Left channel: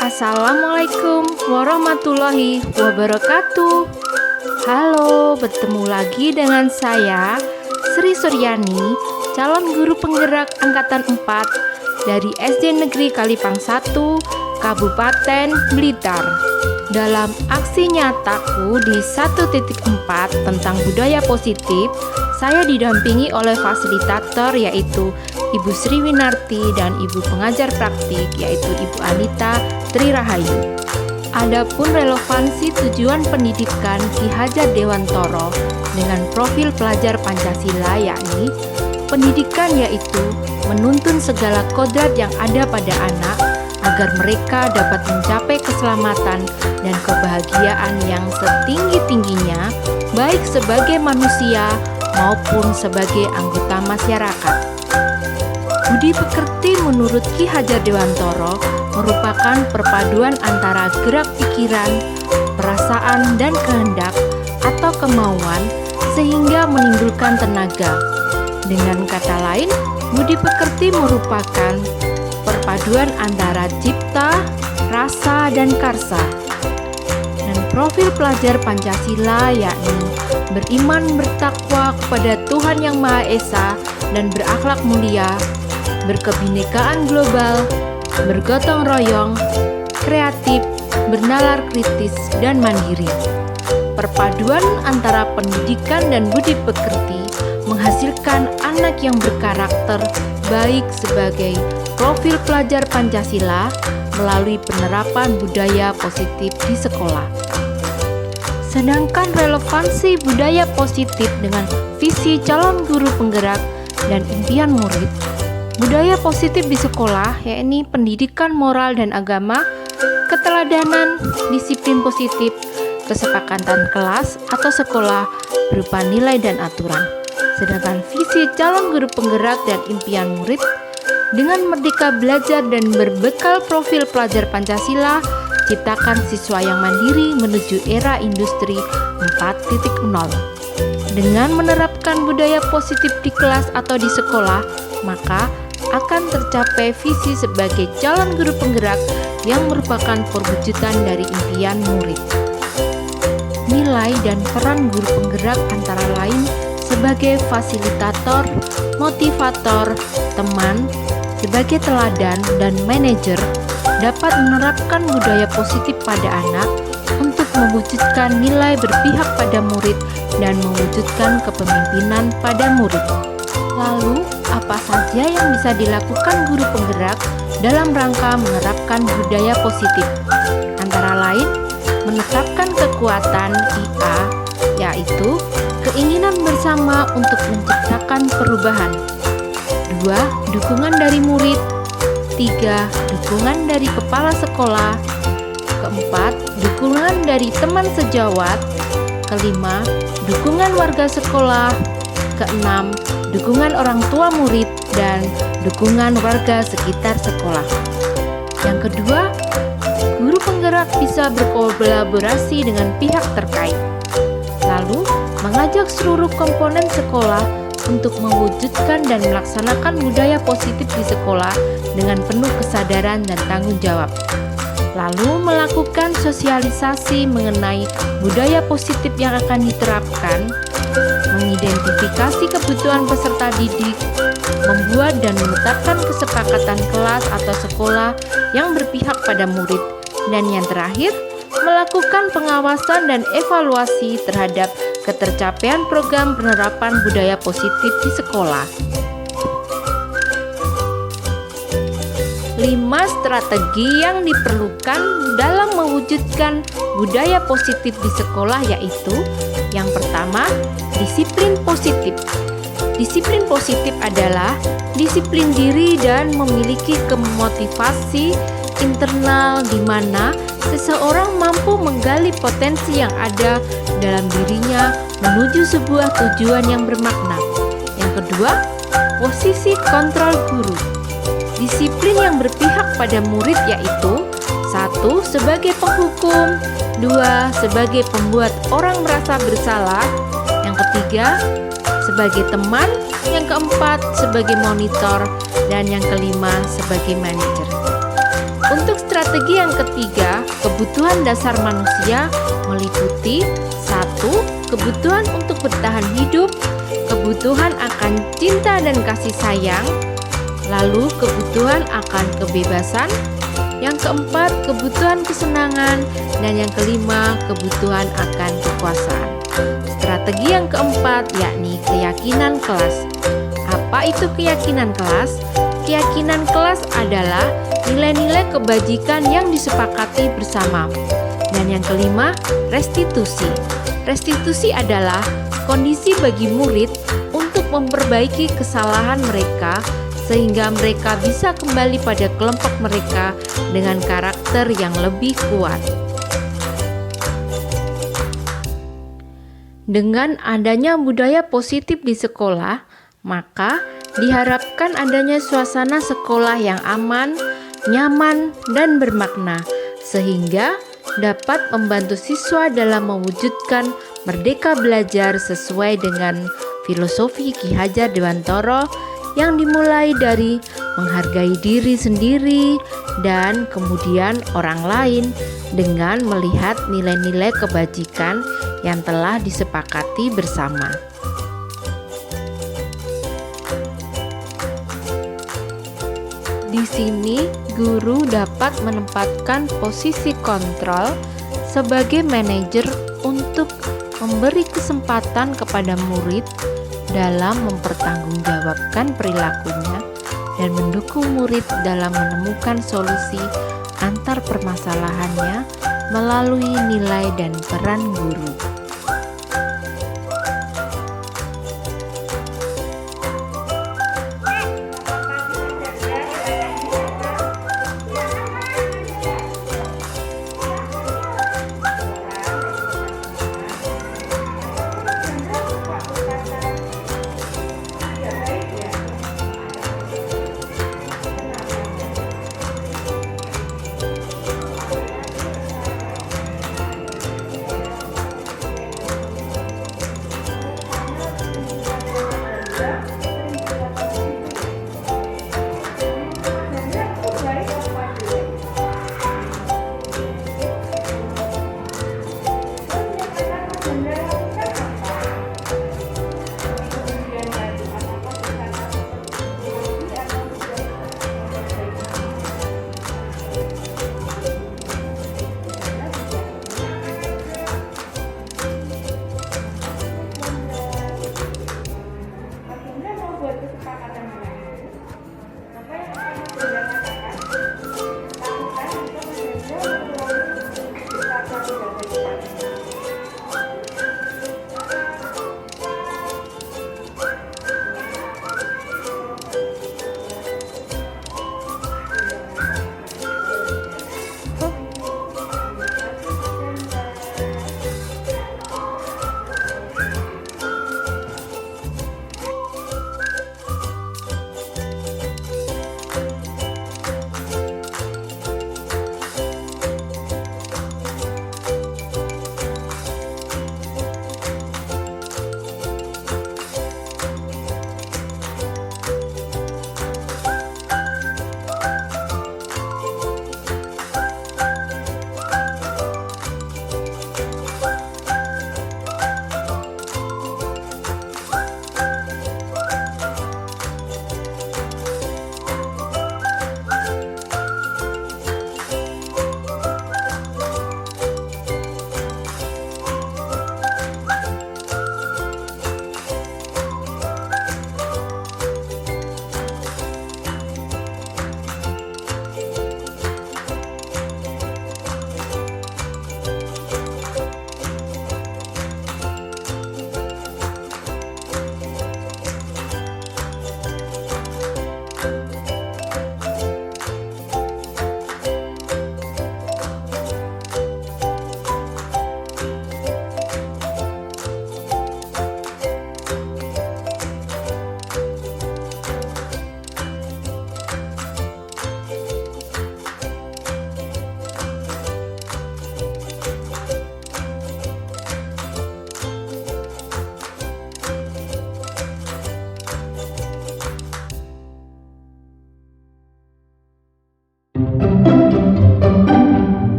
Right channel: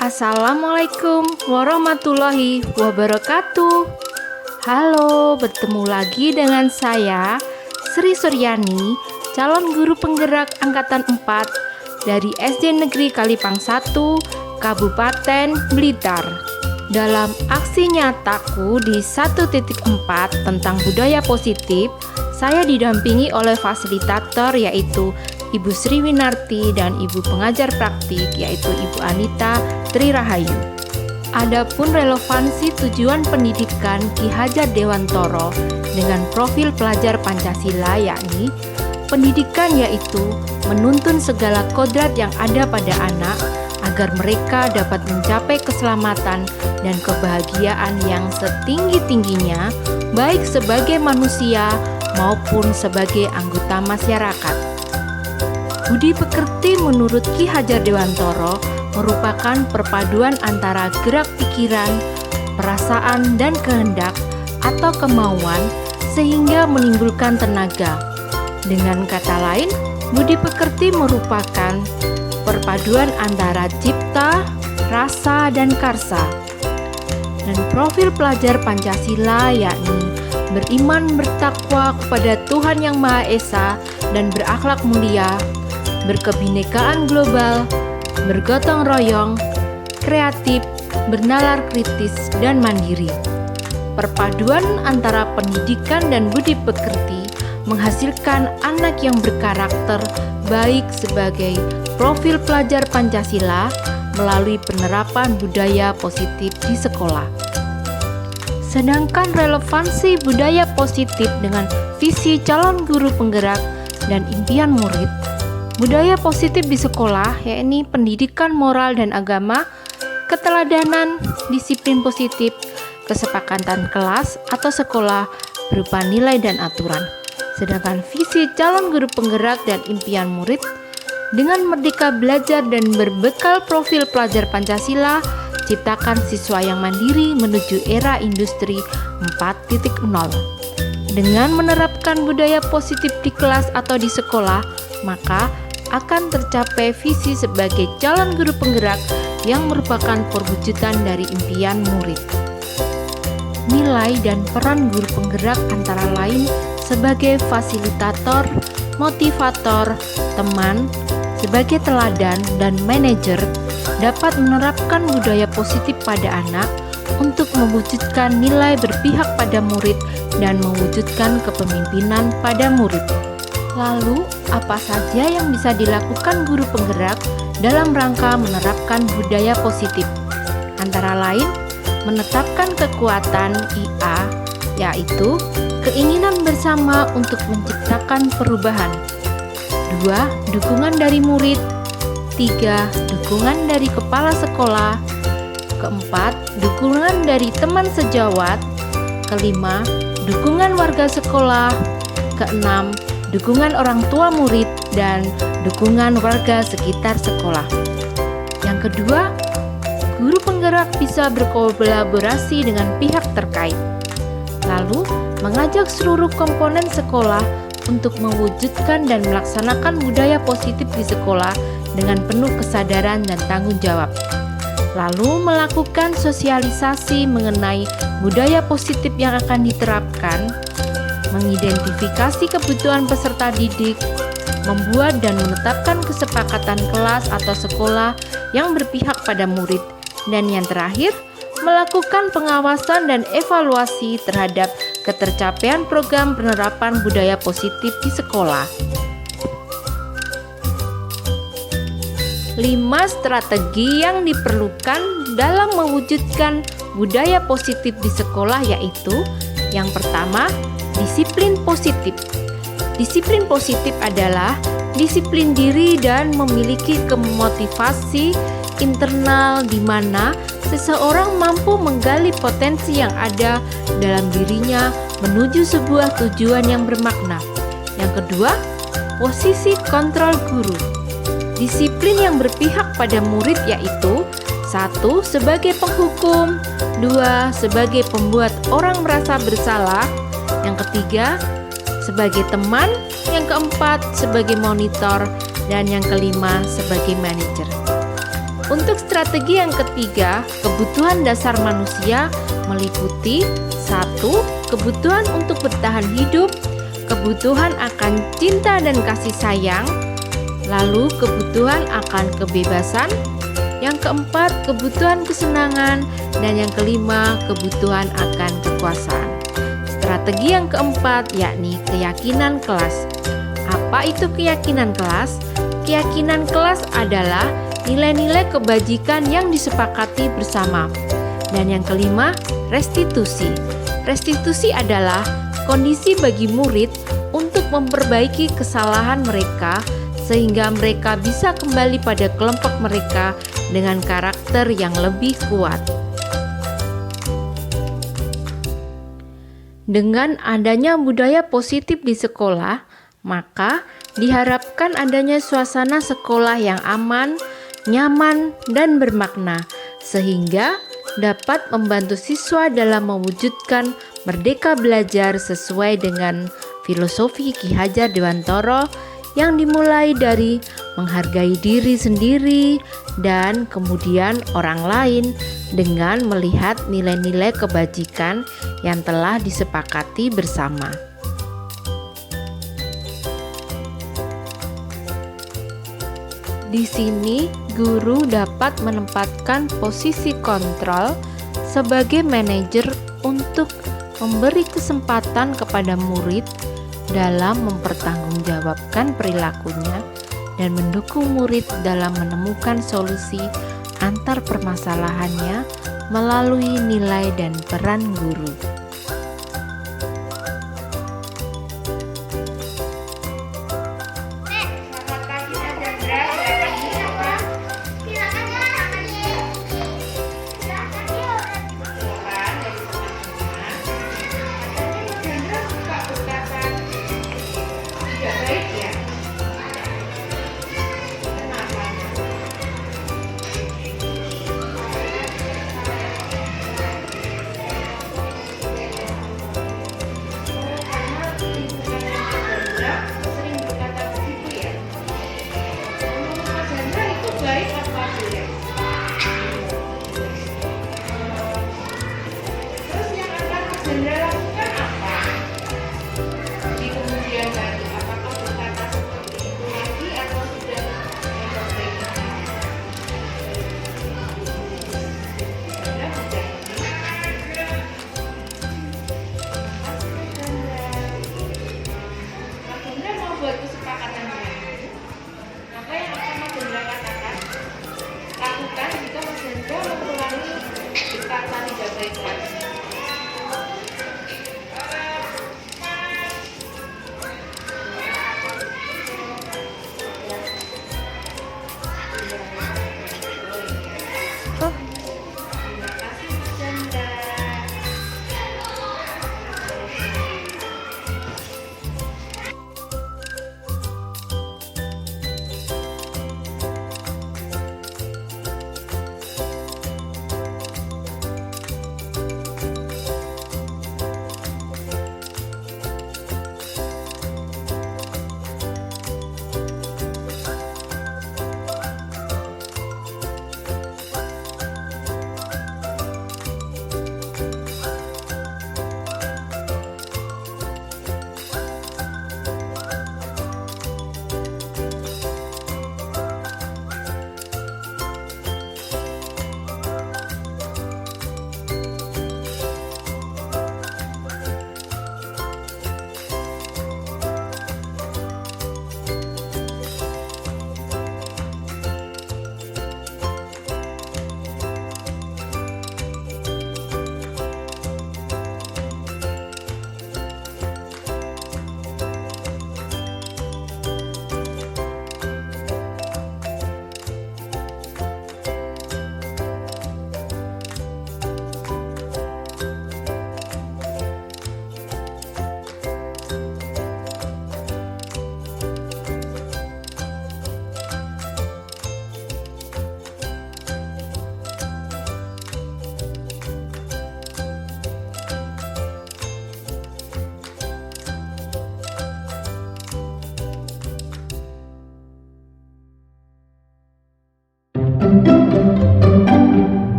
Assalamualaikum warahmatullahi wabarakatuh. Halo, bertemu lagi dengan saya Sri Suryani, calon guru penggerak angkatan 4 dari SD Negeri Kalipang 1, Kabupaten Blitar. Dalam aksi nyataku di 1.4 tentang budaya positif, saya didampingi oleh fasilitator yaitu Ibu Sri Winarti dan Ibu pengajar praktik yaitu Ibu Anita Tri Rahayu. Adapun relevansi tujuan pendidikan Ki Hajar Dewantoro dengan profil pelajar Pancasila yakni pendidikan yaitu menuntun segala kodrat yang ada pada anak agar mereka dapat mencapai keselamatan dan kebahagiaan yang setinggi-tingginya baik sebagai manusia maupun sebagai anggota masyarakat. Budi pekerti menurut Ki Hajar Dewantoro merupakan perpaduan antara gerak pikiran, perasaan, dan kehendak atau kemauan sehingga menimbulkan tenaga. Dengan kata lain, budi pekerti merupakan perpaduan antara cipta, rasa, dan karsa. Dan profil pelajar Pancasila yakni beriman bertakwa kepada Tuhan Yang Maha Esa dan berakhlak mulia, berkebinekaan global, bergotong royong, kreatif, bernalar kritis, dan mandiri. Perpaduan antara pendidikan dan budi pekerti menghasilkan anak yang berkarakter baik sebagai profil pelajar Pancasila melalui penerapan budaya positif di sekolah. Sedangkan relevansi budaya positif dengan visi calon guru penggerak dan impian murid, budaya positif di sekolah yakni pendidikan moral dan agama, keteladanan, disiplin positif, kesepakatan kelas atau sekolah berupa nilai dan aturan. Sedangkan visi calon guru penggerak dan impian murid dengan merdeka belajar dan berbekal profil pelajar Pancasila, ciptakan siswa yang mandiri menuju era industri 4.0. Dengan menerapkan budaya positif di kelas atau di sekolah, maka akan tercapai visi sebagai calon guru penggerak yang merupakan perwujudan dari impian murid. Nilai dan peran guru penggerak antara lain sebagai fasilitator, motivator, teman, sebagai teladan, dan manajer dapat menerapkan budaya positif pada anak untuk mewujudkan nilai berpihak pada murid dan mewujudkan kepemimpinan pada murid. Lalu, apa saja yang bisa dilakukan guru penggerak dalam rangka menerapkan budaya positif? Antara lain, menetapkan kekuatan IA, yaitu keinginan bersama untuk menciptakan perubahan. 2. Dukungan dari murid. 3. Dukungan dari kepala sekolah. 4. Dukungan dari teman sejawat. 5. Dukungan warga sekolah. 6. Dukungan orang tua murid dan dukungan warga sekitar sekolah. Yang kedua, guru penggerak bisa berkolaborasi dengan pihak terkait. Lalu, mengajak seluruh komponen sekolah untuk mewujudkan dan melaksanakan budaya positif di sekolah dengan penuh kesadaran dan tanggung jawab. Lalu, melakukan sosialisasi mengenai budaya positif yang akan diterapkan, mengidentifikasi kebutuhan peserta didik, membuat dan menetapkan kesepakatan kelas atau sekolah yang berpihak pada murid, dan yang terakhir, melakukan pengawasan dan evaluasi terhadap ketercapaian program penerapan budaya positif di sekolah. 5 strategi yang diperlukan dalam mewujudkan budaya positif di sekolah yaitu: yang pertama, disiplin positif. Disiplin positif adalah disiplin diri dan memiliki kemotivasi internal di mana seseorang mampu menggali potensi yang ada dalam dirinya menuju sebuah tujuan yang bermakna. Yang kedua, posisi kontrol guru. Disiplin yang berpihak pada murid yaitu: 1. Sebagai penghukum, 2. Sebagai pembuat orang merasa bersalah, yang ketiga sebagai teman, yang keempat sebagai monitor, dan yang kelima sebagai manajer. Untuk strategi yang ketiga, kebutuhan dasar manusia meliputi 1. Kebutuhan untuk bertahan hidup, kebutuhan akan cinta dan kasih sayang, lalu kebutuhan akan kebebasan, yang keempat kebutuhan kesenangan, dan yang kelima kebutuhan akan kekuasaan. Strategi yang keempat yakni keyakinan kelas. Apa itu keyakinan kelas? Keyakinan kelas adalah nilai-nilai kebajikan yang disepakati bersama. Dan yang kelima, restitusi. Restitusi adalah kondisi bagi murid untuk memperbaiki kesalahan mereka sehingga mereka bisa kembali pada kelompok mereka dengan karakter yang lebih kuat. Dengan adanya budaya positif di sekolah, maka diharapkan adanya suasana sekolah yang aman, nyaman, dan bermakna, sehingga dapat membantu siswa dalam mewujudkan merdeka belajar sesuai dengan filosofi Ki Hajar Dewantara yang dimulai dari menghargai diri sendiri dan kemudian orang lain dengan melihat nilai-nilai kebajikan yang telah disepakati bersama. Di sini, guru dapat menempatkan posisi kontrol sebagai manajer untuk memberi kesempatan kepada murid dalam mempertanggungjawabkan perilakunya dan mendukung murid dalam menemukan solusi antar permasalahannya melalui nilai dan peran guru.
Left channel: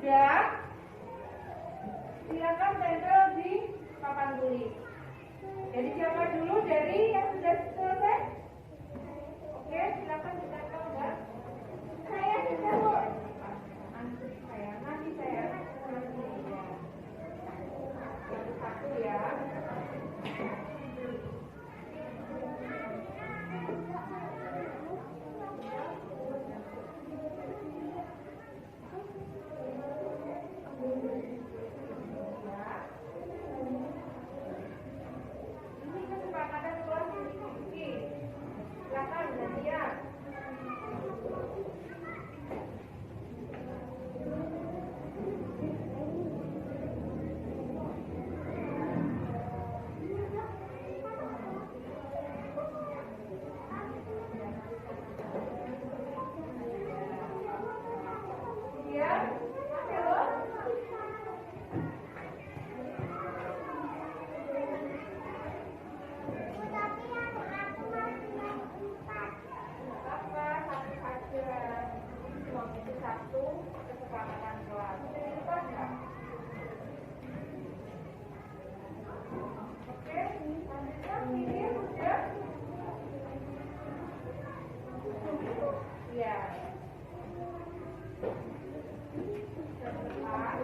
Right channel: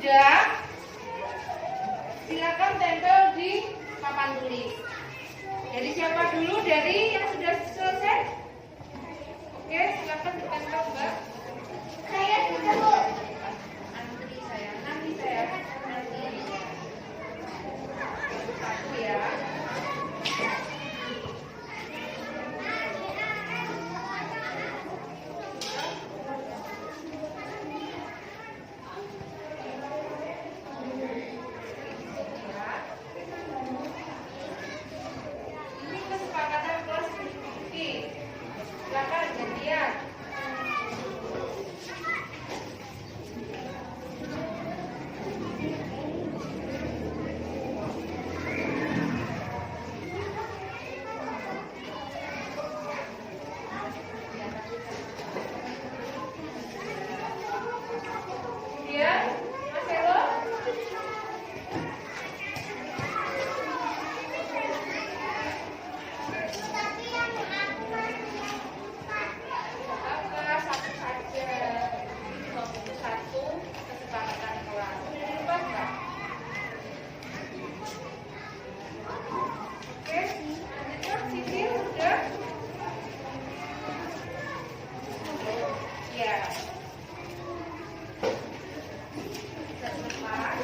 sudah, silakan tempel di papan tulis. Jadi siapa dulu dari yang sudah selesai? Oke, silakan ditempel, Mbak. Saya sudah, Bu. Antri saya, nanti saya nanti. Satu ya. Ini kesepakatan kelas diskusi. Silakan gantian. Kemudian, Mas Helo. Tapi yang aku Enggak, satu saja. Nomor satu kesepakatan kelas. Lupa enggak? Oke, selanjutnya Siti sudah. Ya. Depan.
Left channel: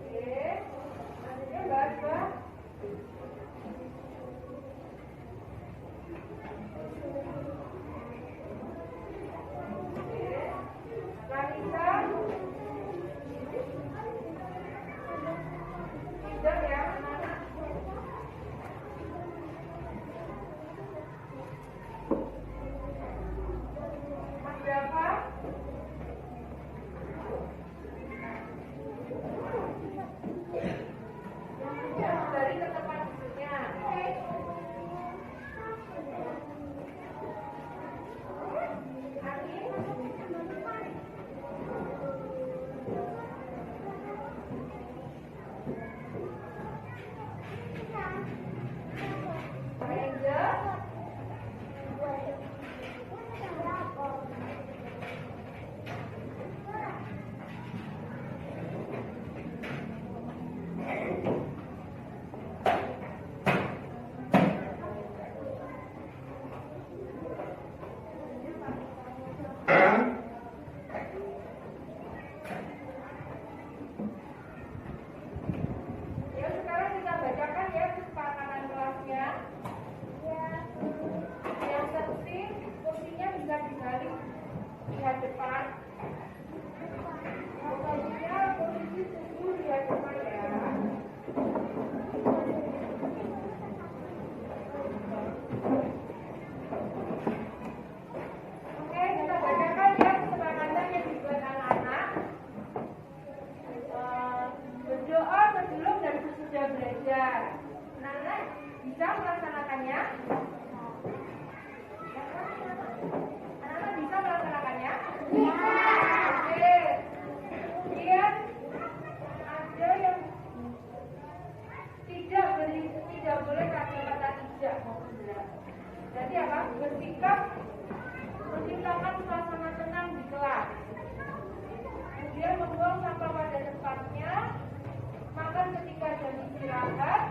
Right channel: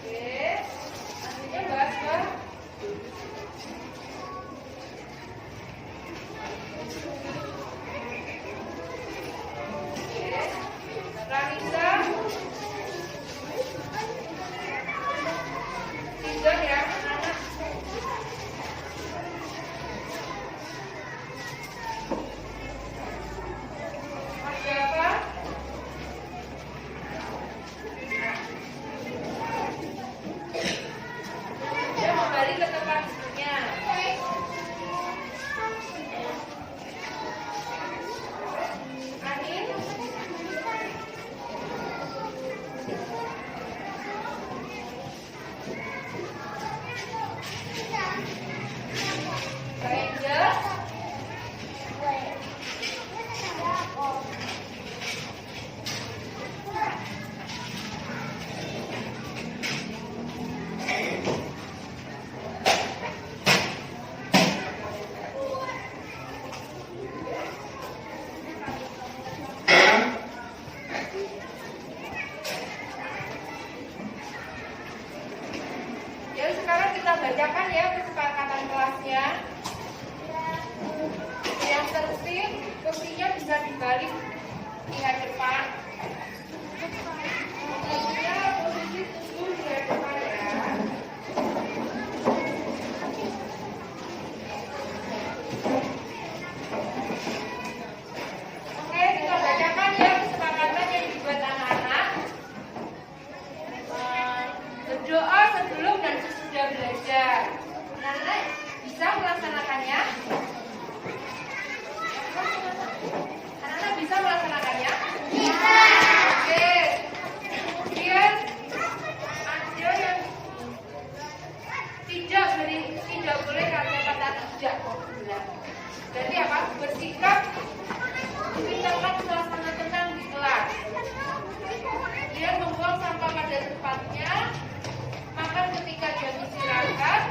Oke. Selanjutnya bahas apa? Ranisa, tiga ya, anak. Mas Java, ya kembali ke tempat duduknya. Anin, Kak Angel, ya sekarang kita bacakan ya kesepakatan kelasnya. Yang penting kursinya bisa dibalik di hadapan. Pokoknya posisi tubuh di hadapan ya. Oke, kita bacakan ya kesepakatan yang dibuat anak-anak. Berdoa sebelum dan sesudah belajar. Anak-anak bisa melaksanakannya? Anak-anak bisa melaksanakannya? Bisa. Oke. Kemudian ada yang tidak boleh kata-kata tidak kok bilang. Jadi apa? Bersikap menciptakan suasana tenang di kelas. Kemudian membuang sampah pada tempatnya, makan ketika jam istirahat,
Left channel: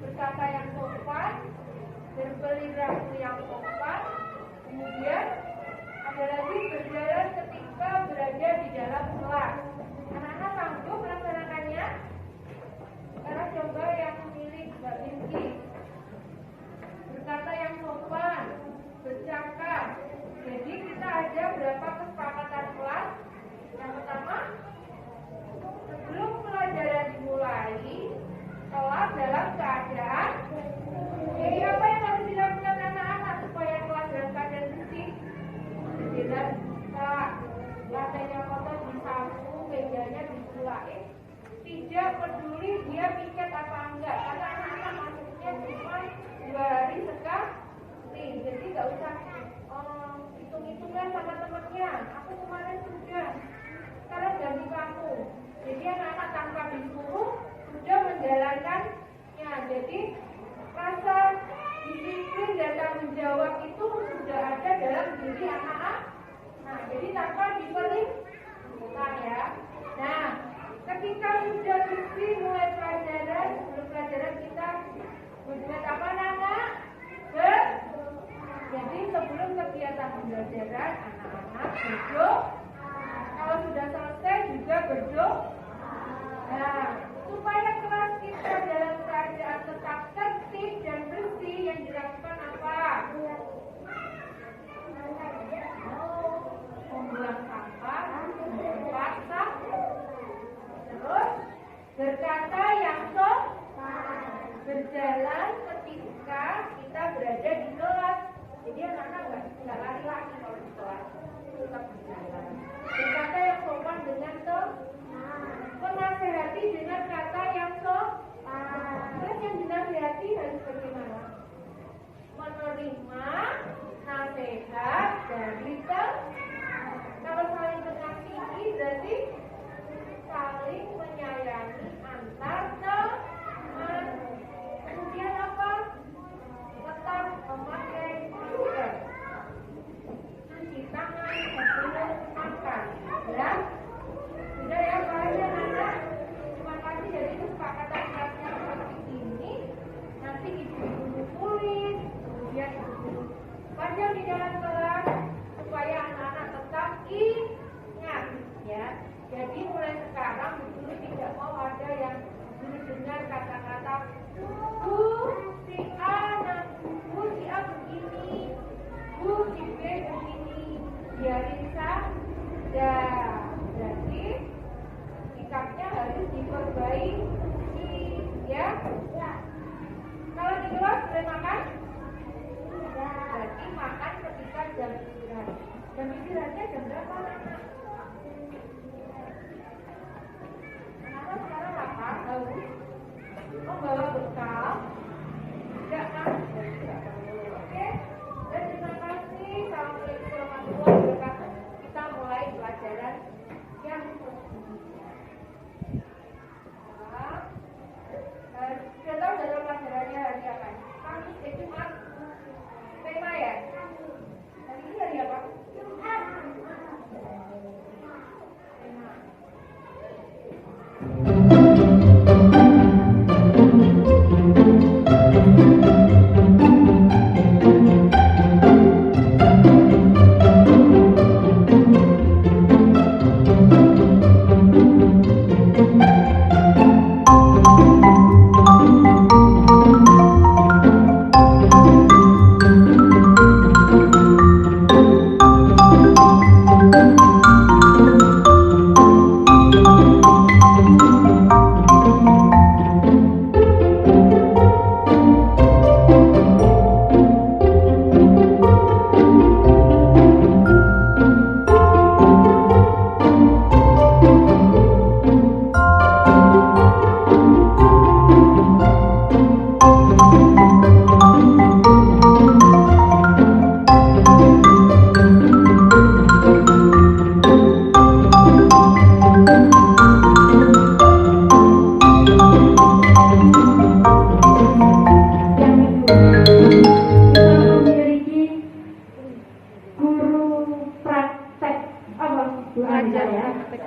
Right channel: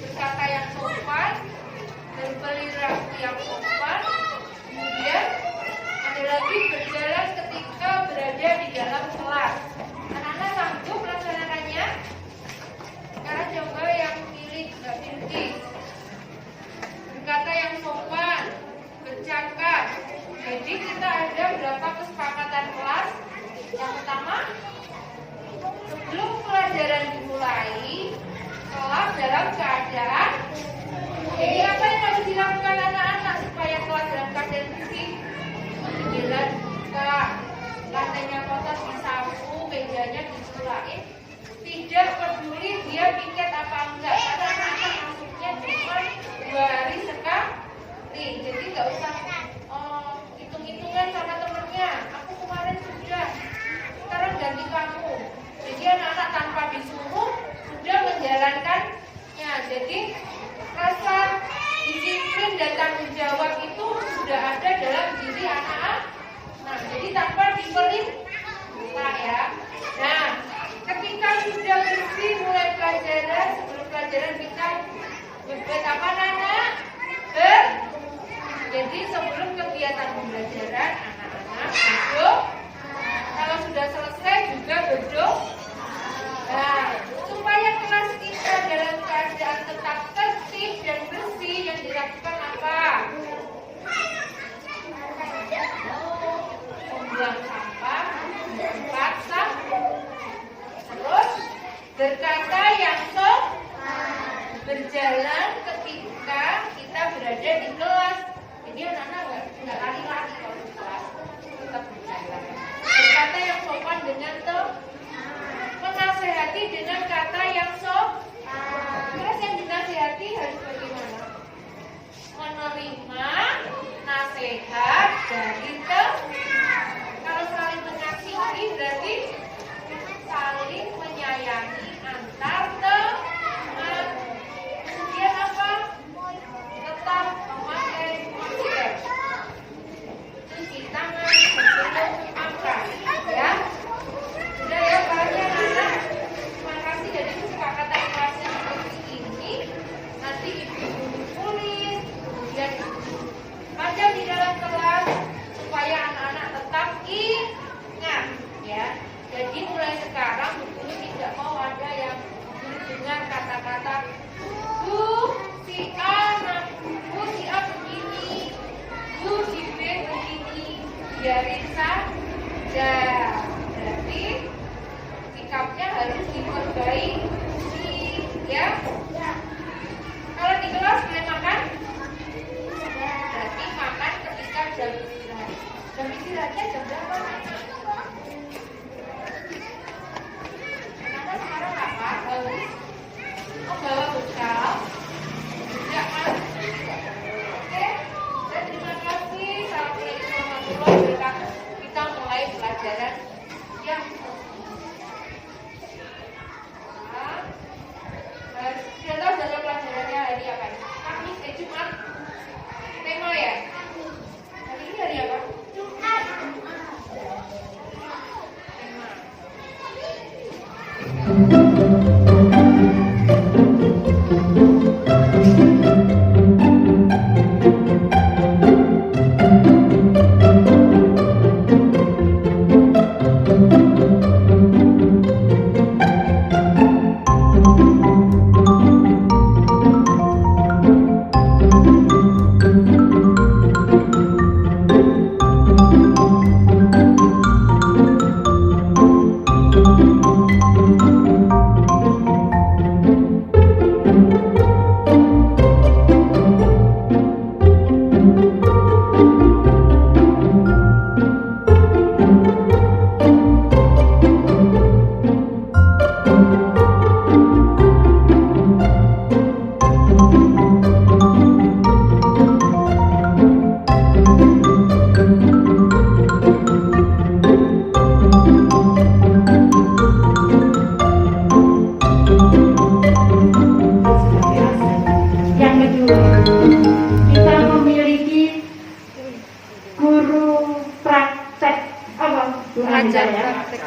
berkata yang sopan, berperilaku yang sopan. Kemudian ada lagi berjalan ketika berada di dalam kelas. Anak-anak sanggup melaksanakannya? Sekarang coba yang pilih Mbak Binti. Berkata yang sopan, bercakap. Jadi kita ada berapa kesepakatan kelas? Yang pertama, sebelum pelajaran dimulai, kelas dalam keadaan. Jadi apa yang harus dilakukan anak-anak supaya kelas dalam keadaan bersih? Jendela dibuka, lantainya kotor disapu, mejanya disulain. Tidak peduli dia piket apa enggak, karena anak-anak masuknya cuma 2 hari sekali. Jadi nggak usah hitung-hitungan sama temennya. Aku kemarin sudah, sekarang ganti kamu. Jadi anak-anak tanpa disuruh sudah menjalankannya. Jadi rasa disiplin dan tanggung jawab itu sudah ada dalam diri anak-anak. Nah, jadi tanpa buka ya. Nah, ketika sudah bersih mulai pelajaran, sebelum pelajaran kita berbuat apa Nana? Jadi sebelum kegiatan pembelajaran anak-anak berdoa. Kalau sudah selesai juga berdoa. Nah, supaya kelas kita dalam keadaan tetap tertib dan bersih yang dilakukan apa? Membuang sampah, tempat sampah. Terus berkata yang berjalan ketika kita berada di kelas. Jadi anak-anak nggak lari-lari kalau di kelas, tetap berjalan. Berkata yang sopan dengan menasehati dengan kata yang terus yang dinasehati harus bagaimana? Menerima nasihat dari kalau saling mengasihi berarti saling menyayangi antar teman. Kemudian apa? Tetap memakai masker, cuci tangan sebelum makan, ya. Sudah ya banyak anak. Terima kasih. Jadi kesepakatan kelasnya seperti ini. Nanti ibu tulis, kemudian panjang di dalam kelas supaya anak-anak tetap ingat, ya. Jadi mulai sekarang guru tidak mau ada yang dengan kata-kata Bu si A begini, Bu si B begini, biarin saja. Berarti sikapnya harus diperbaiki, ya. Kalau di kelas boleh makan? Berarti makan ketika jam istirahat. Jam istirahatnya jam berapa? Karena sekarang apa? Harus bawa bekal. Tidak kan? Oke. Dan terima kasih. Assalamualaikum warahmatullahi wabarakatuh. Kita mulai pelajaran yang sudah tahu jadwal pelajarannya hari apa? Kamis, Jumat. Tema ya? Hari ini hari apa? Jumat. Tema.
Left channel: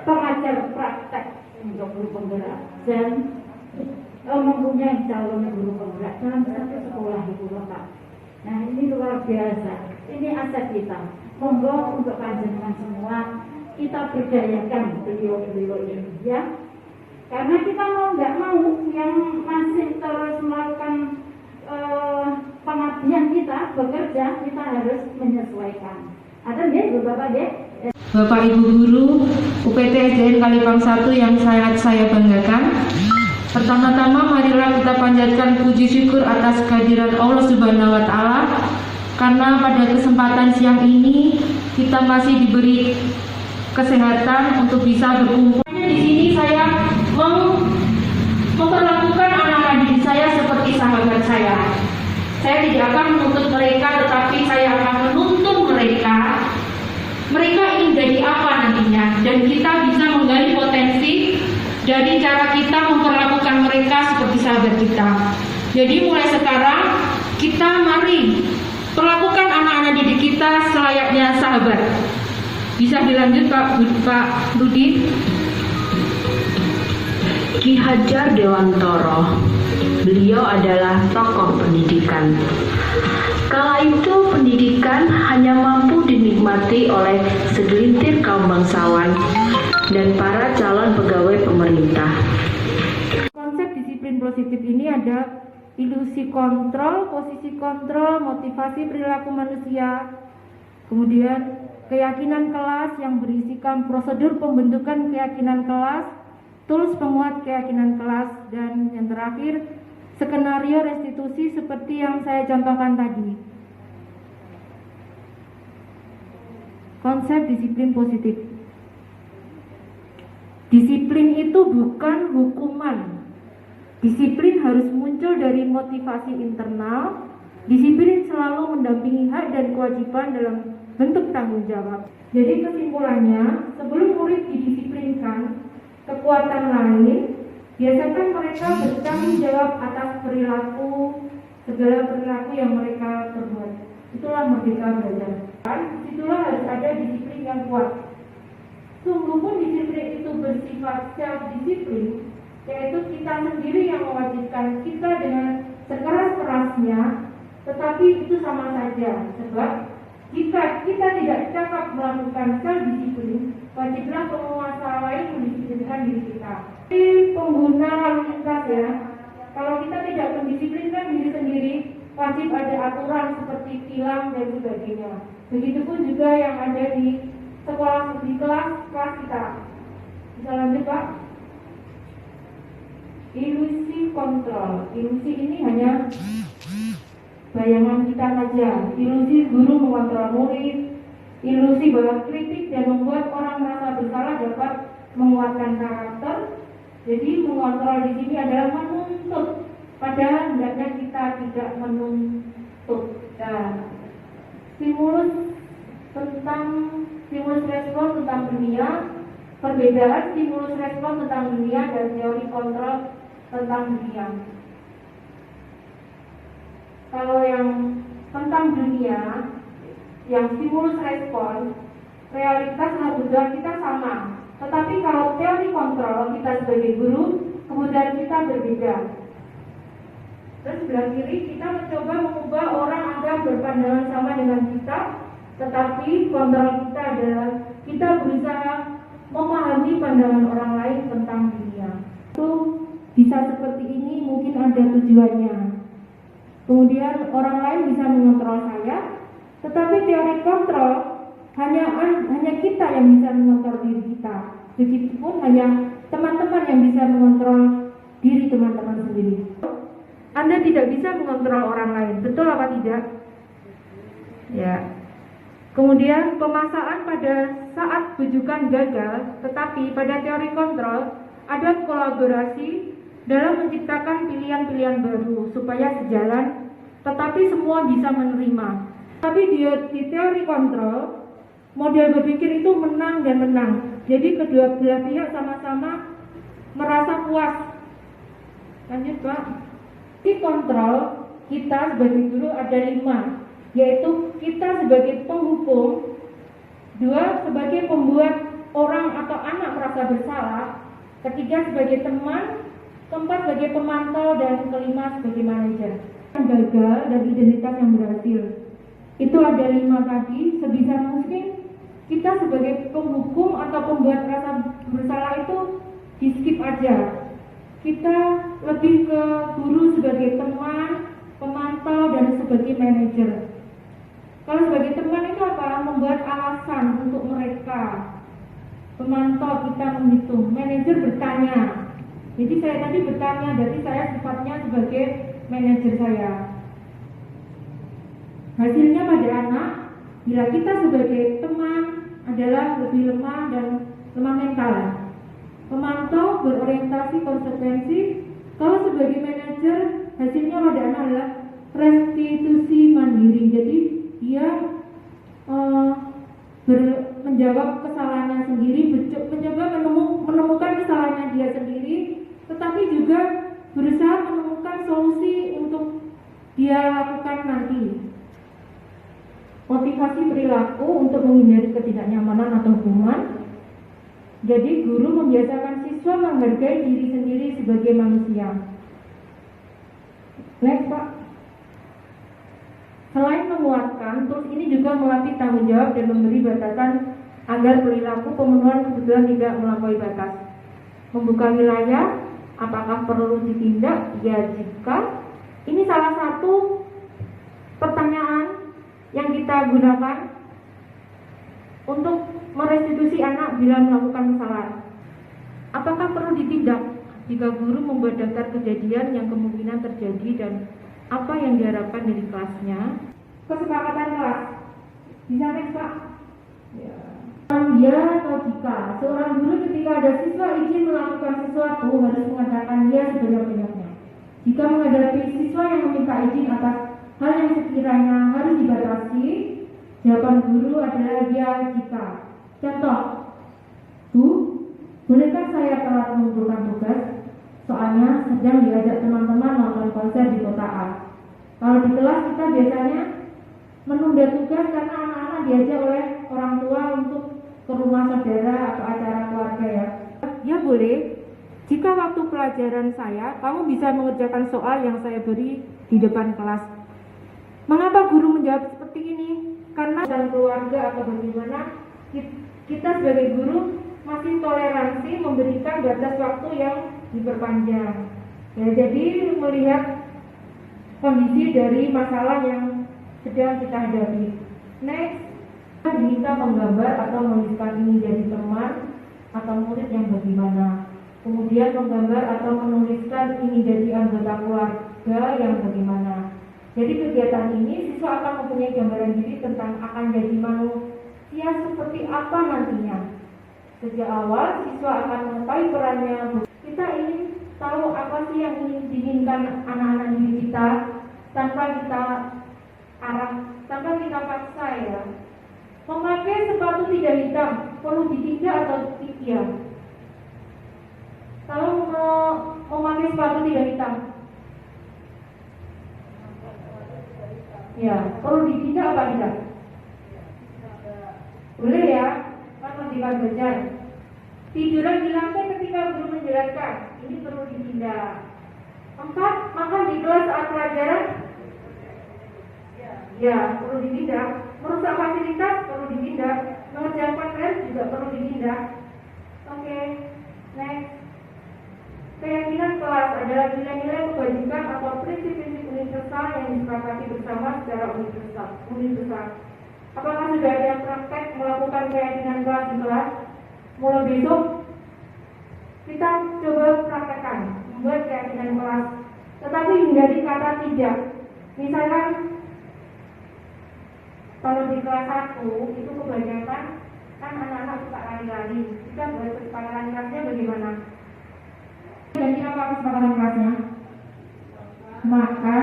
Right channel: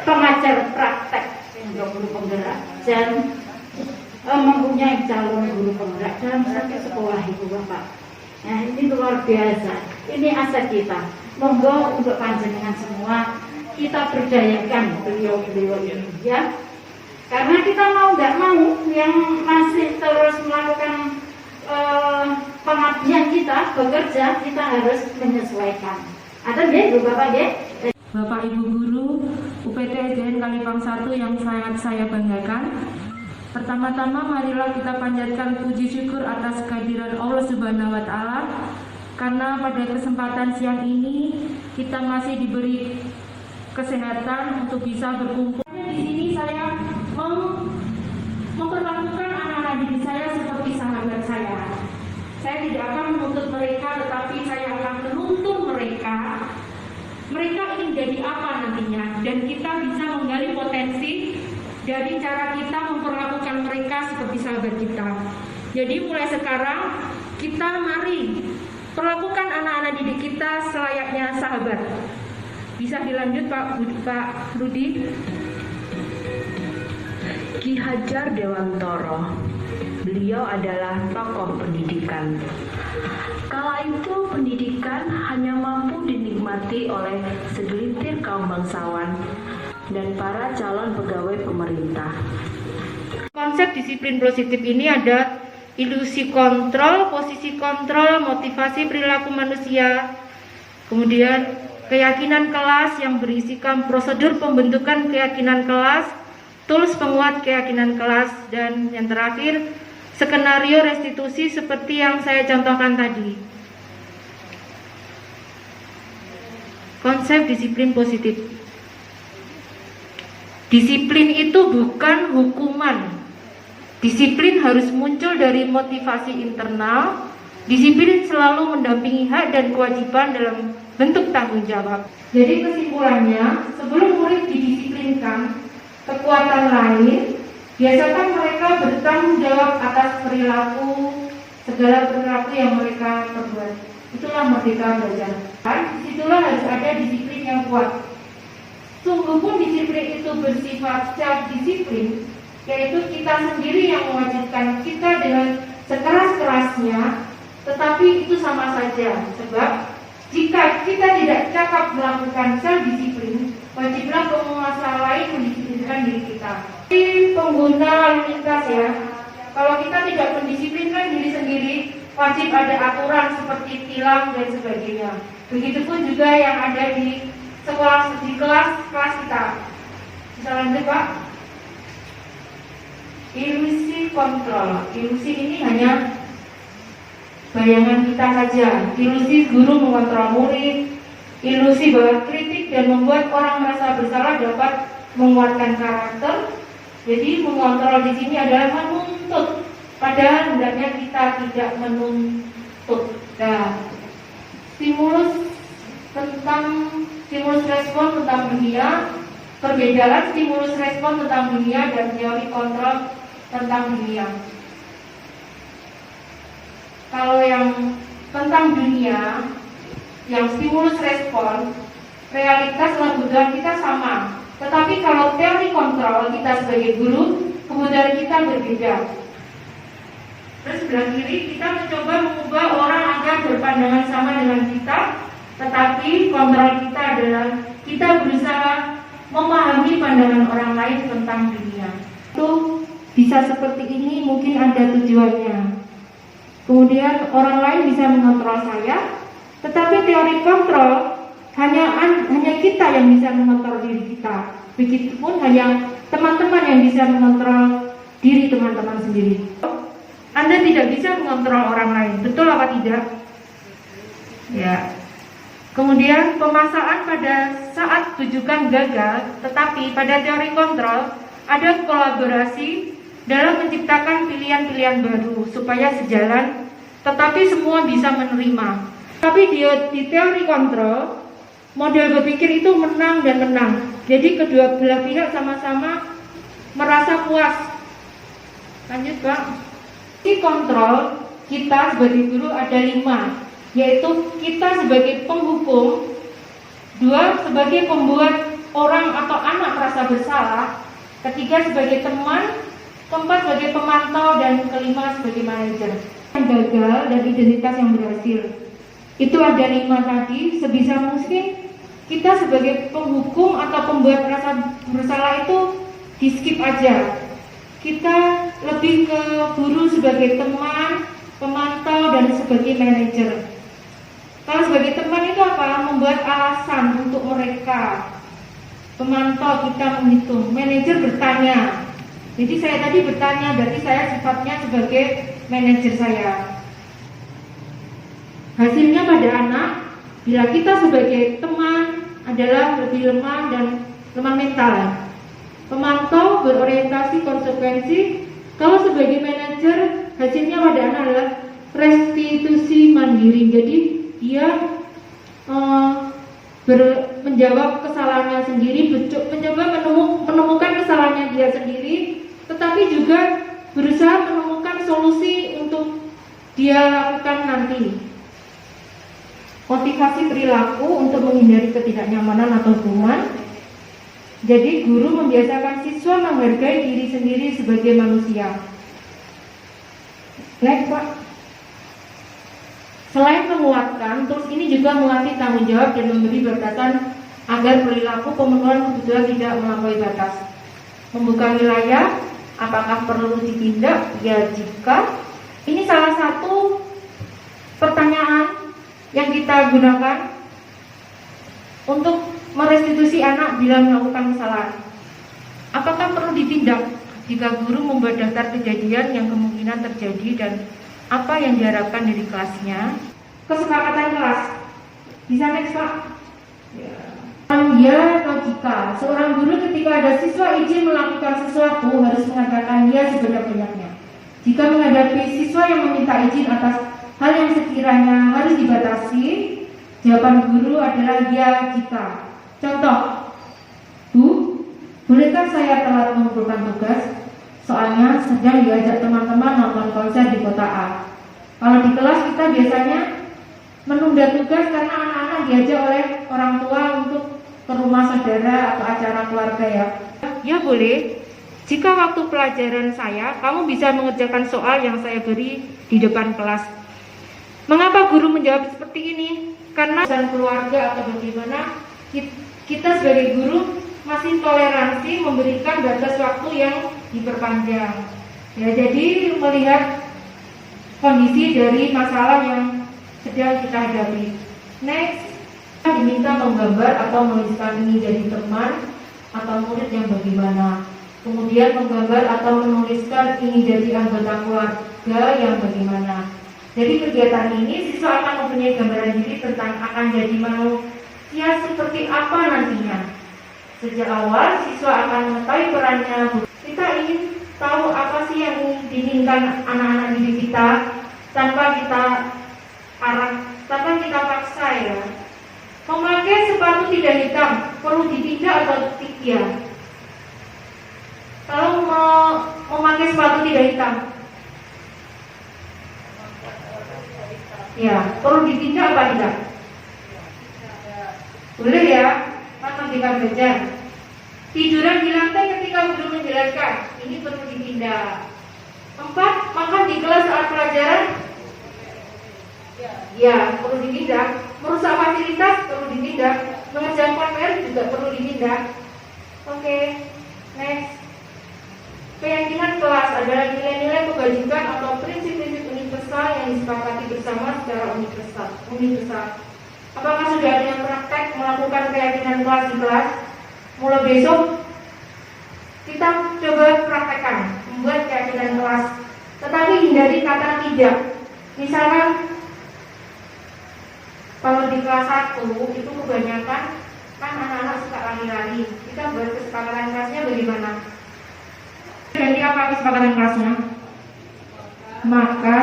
pengajar praktek untuk guru penggerak dan mempunyai calon guru penggerak dalam satu sekolah itu Bapak. Nah ini luar biasa, ini aset kita. Monggo untuk panjenengan semua kita berdayakan beliau-beliau ini ya. Karena kita mau nggak mau yang masih terus melakukan pengabdian kita bekerja, kita harus menyesuaikan. Ada nggih Bu Bapak nggih? Bapak Ibu Guru UPT SDN Kalipang 1 yang sangat saya banggakan. Pertama-tama marilah kita panjatkan puji syukur atas kehadiran Allah Subhanahu wa taala karena pada kesempatan siang ini kita masih diberi kesehatan untuk bisa berkumpul. Di sini saya memperlakukan anak-anak didik saya seperti sahabat saya. Saya tidak akan menuntut mereka, tetapi saya akan menuntun mereka. Mereka ingin jadi apa nantinya, dan kita bisa menggali potensi dari cara kita memperlakukan mereka seperti sahabat kita. Jadi mulai sekarang kita mari perlakukan anak-anak didik kita selayaknya sahabat. Bisa dilanjut Pak Budi. Ki Hajar Dewantoro. Beliau adalah tokoh pendidikan. Kala itu pendidikan hanya mampu dinikmati oleh segelintir kaum bangsawan dan para calon pegawai pemerintah. Konsep disiplin positif ini ada ilusi kontrol, posisi kontrol, motivasi perilaku manusia, kemudian keyakinan kelas yang berisikan prosedur pembentukan keyakinan kelas, tools penguat keyakinan kelas, dan yang terakhir skenario restitusi seperti yang saya contohkan tadi. Konsep disiplin positif. Disiplin itu bukan hukuman. Disiplin harus muncul dari motivasi internal. Disiplin selalu mendampingi hak dan kewajiban dalam bentuk tanggung jawab. Jadi kesimpulannya, sebelum murid didisiplinkan kekuatan lain, biasakan mereka bertanggung jawab atas perilaku, segala perilaku yang mereka perbuat. Itulah merdeka belajar. Disitulah harus ada disiplin yang kuat. Sungguh pun disiplin itu bersifat self-disiplin, yaitu kita sendiri yang mewajibkan kita dengan sekeras-kerasnya, tetapi itu sama saja. Sebab jika kita tidak cakap melakukan self-disiplin, wajiblah penguasa lain mendisiplinkan diri kita. Jadi pengguna lalu lintas ya, kalau kita tidak mendisiplinkan diri sendiri, wajib ada aturan seperti tilang dan sebagainya. Begitupun juga yang ada di sekolah, di kelas kita. Bisa lanjut Pak? Ilusi kontrol. Ilusi ini hanya bayangan kita saja. Ilusi guru mengontrol murid, ilusi bahwa kritik dan membuat orang merasa bersalah dapat menguatkan karakter. Jadi mengontrol di sini adalah menuntut, padahal hendaknya kita tidak menuntut. Nah, stimulus respon tentang dunia, perbedaan stimulus respon tentang dunia dan teori kontrol tentang dunia. Kalau yang tentang dunia, yang stimulus respon, realitas dan kebutuhan kita sama. Tetapi kalau teori kontrol, kita sebagai guru, kebutuhan kita berbeda. Terus sebelah kiri, kita mencoba mengubah orang agar berpandangan sama dengan kita, tetapi kontrol kita adalah kita berusaha memahami pandangan orang lain tentang dunia. Itu bisa seperti ini, mungkin ada tujuannya. Kemudian orang lain bisa mengontrol saya, tetapi teori kontrol hanya kita yang bisa mengontrol diri kita. Begitupun hanya teman-teman yang bisa mengontrol diri teman-teman sendiri. Anda tidak bisa mengontrol orang lain, betul apa tidak? Ya. Kemudian pemaksaan pada saat tujukan gagal, tetapi pada teori kontrol ada kolaborasi dalam menciptakan pilihan-pilihan baru supaya sejalan, tetapi semua bisa menerima. Tapi di teori kontrol, model berpikir itu menang dan menang. Jadi kedua belah pihak sama-sama merasa puas. Lanjut Pak. Di kontrol kita sebagai guru ada 5, yaitu kita sebagai penghukum, 2 sebagai pembuat orang atau anak merasa bersalah, 3 sebagai teman, 4 sebagai pemantau, dan 5 sebagai manajer. Yang gagal dan identitas yang berhasil. Itu ada 5 tadi. Sebisa mungkin kita sebagai penghukum atau pembuat rasa bersalah itu di skip aja. Kita lebih ke guru sebagai teman, pemantau, dan sebagai manajer. Kalau sebagai teman itu apa? Membuat alasan untuk mereka. Pemantau kita menghitung, manajer bertanya. Jadi saya tadi bertanya, berarti saya sifatnya sebagai manajer saya. Hasilnya pada anak, bila kita sebagai teman adalah lebih lemah dan lemah mental. Pemantau berorientasi konsekuensi. Kalau sebagai manajer, hasilnya pada anak adalah restitusi mandiri. Jadi dia menjawab kesalahannya sendiri, mencoba menemukan kesalahannya dia sendiri, tetapi juga berusaha menemukan solusi untuk dia lakukan nanti. Motivasi motivasi perilaku untuk menghindari ketidaknyamanan atau hukuman. Jadi guru membiasakan siswa menghargai diri sendiri sebagai manusia. Next, Pak. Selain menguatkan, tools ini juga melatih tanggung jawab dan memberi batasan agar perilaku pemenuhan kebutuhan tidak melampaui batas. Membuka wilayah, apakah perlu ditindak? Ya, jika. Ini salah satu pertanyaan yang kita gunakan untuk merestitusi anak bila melakukan kesalahan. Apakah perlu ditindak jika guru membuat daftar kejadian yang kemungkinan terjadi dan apa yang diharapkan dari kelasnya? Kesepakatan kelas. Bisa next, Pak? Ya atau jika seorang guru ketika ada siswa izin melakukan sesuatu harus mengatakan ya sebanyak-banyaknya. Jika menghadapi siswa yang meminta izin atas hal yang sekiranya harus dibatasi, jawaban guru adalah ya jika. Contoh, Bu, bolehkah saya telat mengumpulkan tugas? Soalnya sedang diajak teman-teman nonton konser di kota A. Kalau di kelas kita biasanya menunda tugas karena anak-anak diajak oleh orang tua untuk ke rumah saudara atau acara keluarga ya. Ya boleh. Jika waktu pelajaran saya, kamu bisa mengerjakan soal yang saya beri di depan kelas. Mengapa guru menjawab seperti ini? Karena pesan keluarga atau bagaimana kita sebagai guru masih toleransi memberikan batas waktu yang diperpanjang. Ya, jadi melihat kondisi dari masalah yang sedang kita hadapi. Next, diminta menggambar atau menuliskan ini dari teman atau murid yang bagaimana. Kemudian menggambar atau menuliskan ini dari anggota keluarga yang bagaimana. Jadi kegiatan ini siswa akan mempunyai gambaran diri tentang akan jadi manusia seperti apa nantinya. Sejak awal siswa akan mengetahui perannya. Kita ingin tahu apa sih yang diinginkan anak-anak didik kita tanpa kita paksa ya. Memakai sepatu tidak hitam perlu ditindak atau tidak? Kalau memakai sepatu tidak hitam, ya perlu ditindak apa tidak? Boleh ya, Pak Merdeka Belajar. Tiduran di lantai ketika guru menjelaskan, ini perlu ditindak. 4. Makan di kelas saat pelajaran, ya perlu ditindak. Merusak fasilitas perlu ditindak. Mengerjakan PR juga perlu ditindak. Oke, next. Keyakinan kelas adalah nilai-nilai kebajikan atau prinsip-prinsip universal yang disepakati bersama secara universal. Apakah sudah ada yang praktek melakukan keyakinan kelas di kelas? Mulai besok kita coba praktekkan membuat keyakinan kelas. Tetapi hindari kata tidak. Misalkan kalau di kelas 1 itu kebanyakan kan anak-anak suka lari-lari. Kita buat kesepakatan kelasnya bagaimana? Ganti apa kesepakatan kelasnya? Maka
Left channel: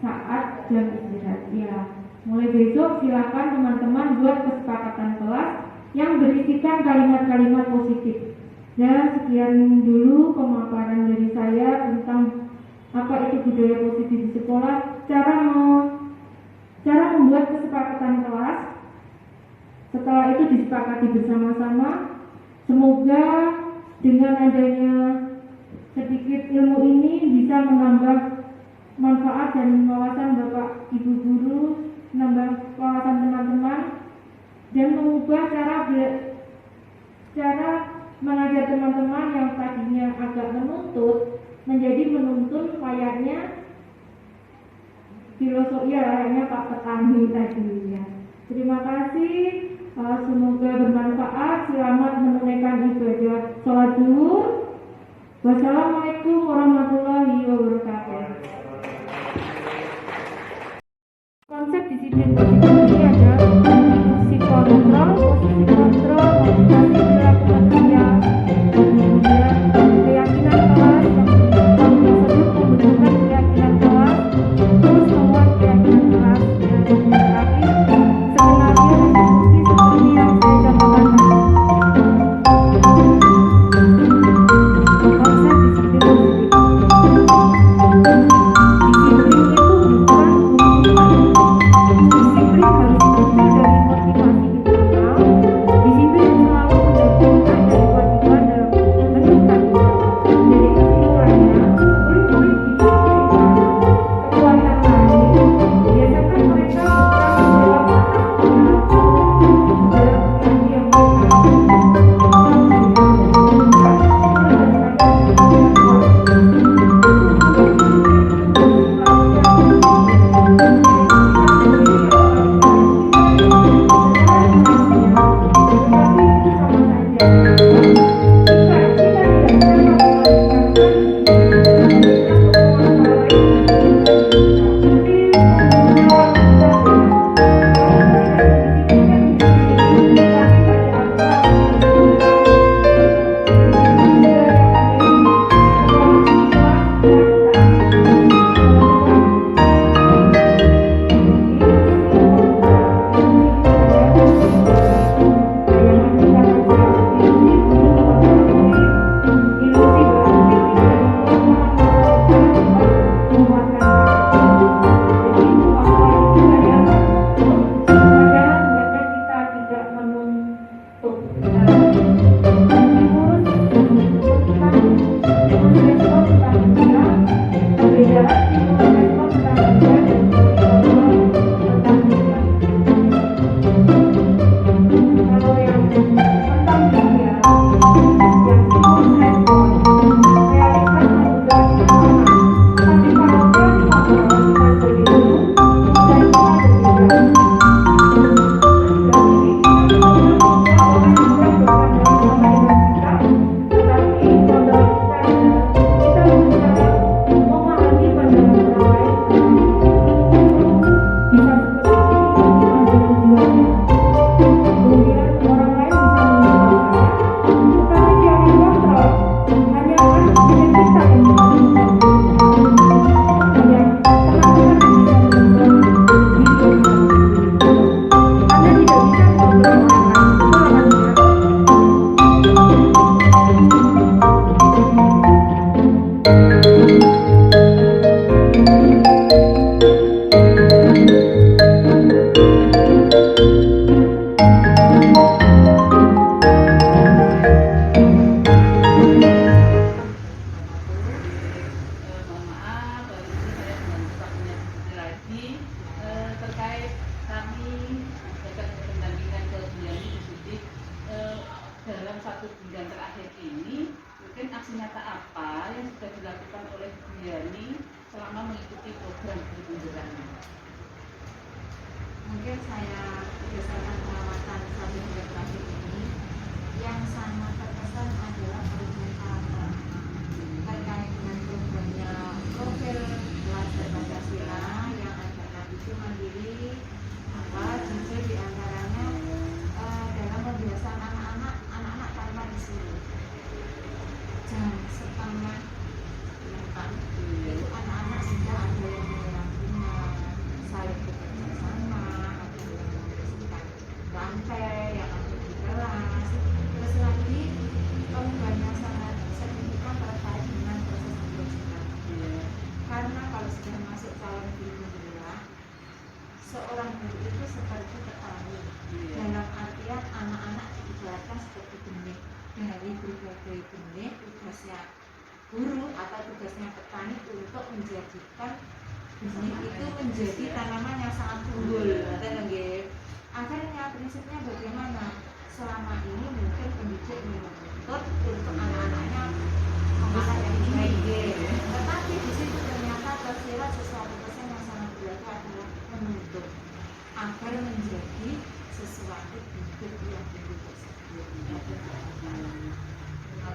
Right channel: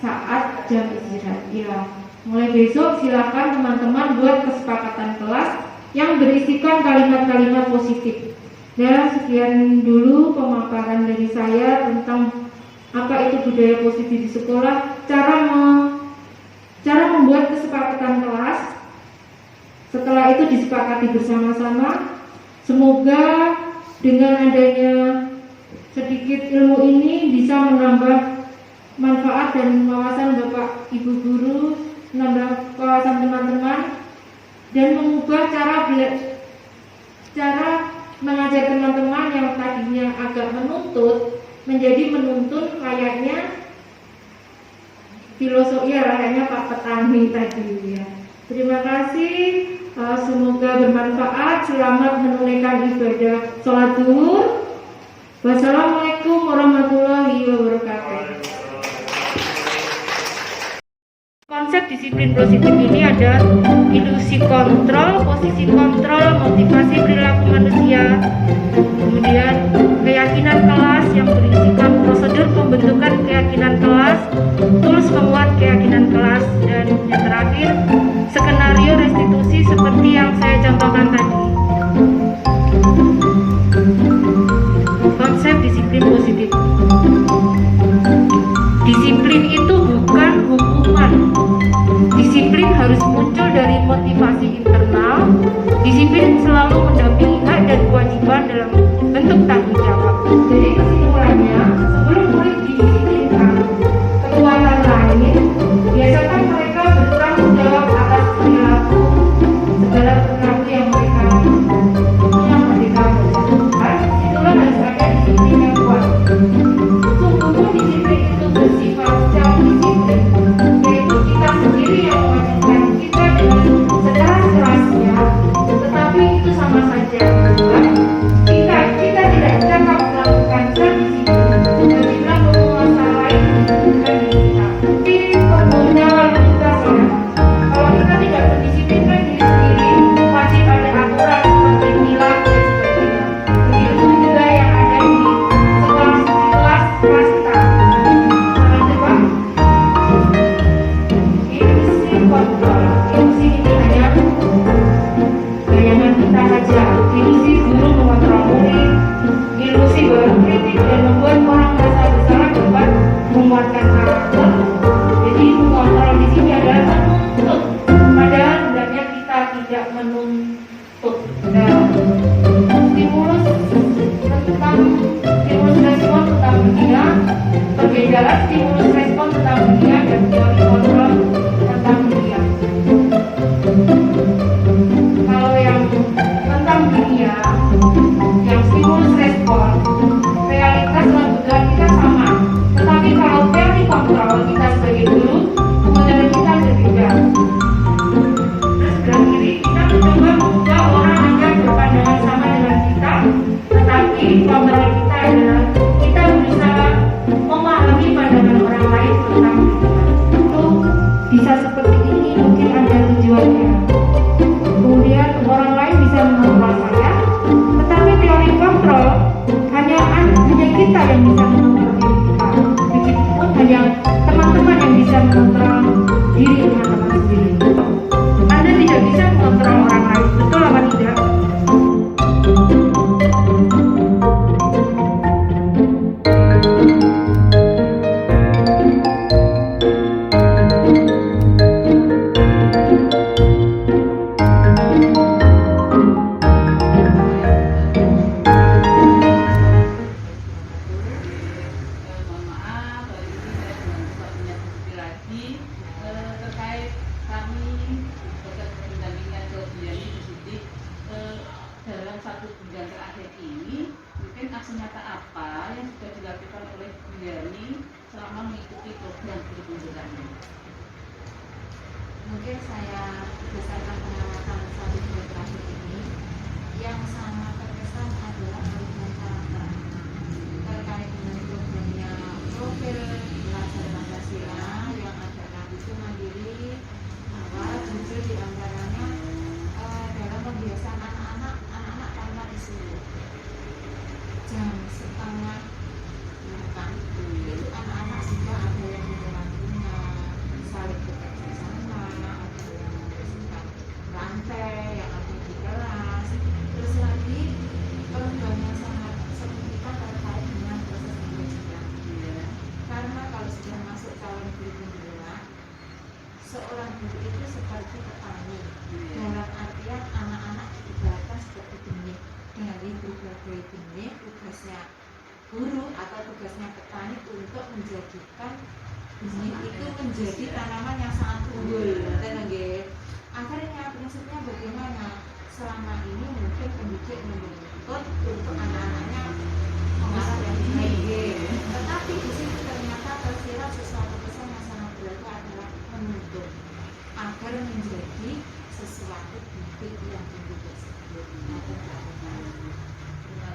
saat jam istirahat. Ya, mulai besok silakan teman-teman buat kesepakatan kelas yang berisikan kalimat-kalimat positif. Ya, sekian dulu pemaparan dari saya tentang apa itu budaya positif di sekolah, cara membuat kesepakatan kelas. Setelah itu disepakati bersama-sama. Semoga dengan adanya sedikit ilmu ini bisa menambah manfaat dan wawasan Bapak Ibu guru, menambah wawasan teman-teman, dan mengubah cara mengajar teman-teman yang tadinya agak menuntut menjadi menuntun layaknya filosofi layaknya Pak Petani tadi ya. Terima kasih, semoga bermanfaat. Selamat menunaikan ibadah sholat zuhur. Wassalamualaikum warahmatullahi wabarakatuh. Konsep disiplin positif ini ada induksi kontrol, posisi kontrol, motivasi perilaku manusia, kemudian keyakinan kelas yang berisikan prosedur pembentukan keyakinan kelas, tools pemuat keyakinan kelas, dan yang terakhir skenario restitusi seperti yang saya contohkan tadi. Konsep disiplin positif. Disiplin itu bukan hukuman. Disiplin harus muncul dari rumput. Stimulus respon tentang dunia, perbedaan stimulus respon tentang dunia dan teori kontrol tentang dunia. Kalau yang tentang dunia, yang stimulus respon, realitas dalam bergerak kita sama. Tetapi kalau teori kontrol kita sebagai guru, model kita berbeda. Sekarang ini kita mencoba membuat orang agar berpandangan sama dengan kita, tetapi kontrol kita adalah kita berusaha memahami pandangan orang lain tentang kita. Untuk bisa seperti ini mungkin ada tujuannya. Kemudian orang lain bisa mengontrol saya, tetapi teori kontrol hanya kita yang bisa mengontrol diri kita. Begitupun hanya teman-teman yang bisa mengontrol diri teman-teman sendiri. Anda tidak bisa mengontrol orang lain, betul apa tidak? Mohon maaf, kalau ini saya dengan punya diskusi lagi terkait kami terkait pendampingan ke Biani positif dalam 1 bulan terakhir ini, mungkin aksi nyata apa yang sudah dilakukan oleh Biani selama mengikuti program guru penggerak ini? Mungkin saya berdasarkan pengamatan 1 bulan terakhir ini, yang sangat terkesan adalah perubahan karakter anak terkait dengan programnya profil pelajar Pancasila yang adalah itu mandiri, jujur diantaranya dalam membiasakan anak-anak tanpa disuruh. Jam 7:30 itu anak-anak sudah ada yang menyeram bunga, saling bekerja sama, ada yang membersihkan lantai yang ada di kelas. Terus lagi perubahan yang sangat signifikan terkait dengan proses pembelajaran. Karena kalau sudah masuk calon guru penggerak, seorang guru itu seperti petani. Dalam artian anak-anak diibaratkan seperti benih, dari berbagai benih. Tugasnya guru atau tugasnya petani untuk menjadikan benih itu menjadi tanaman yang sangat unggul. Akhirnya prinsipnya bagaimana? Selama ini mungkin pendidik menuntut untuk anak-anaknya mengarah yang baik, tetapi di situ ternyata tersirat sesuatu pesan yang sangat berlaku adalah menuntut agar menjadi sesuatu bibit yang tinggi tersebut. Terima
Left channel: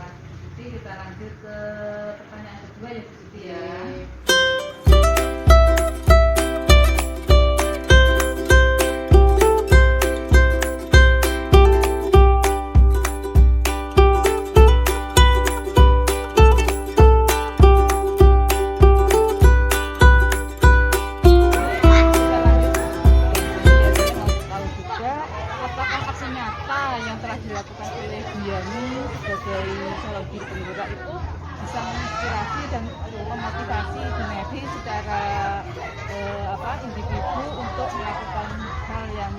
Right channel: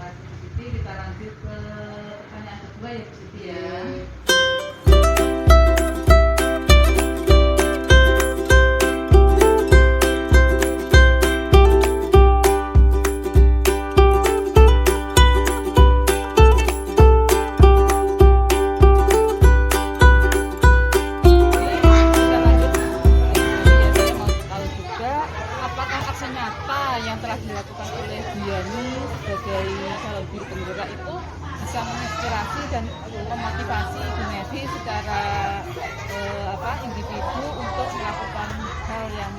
kasih Bu Siti. Kita lanjut ke pertanyaan kedua ya Bu Siti ya. Kalau juga, apakah aksi nyata yang telah dilakukan oleh Biani sebagai calon guru penggerak itu bisa menginspirasi dan memotivasi Gunedi secara individu untuk melakukan hal yang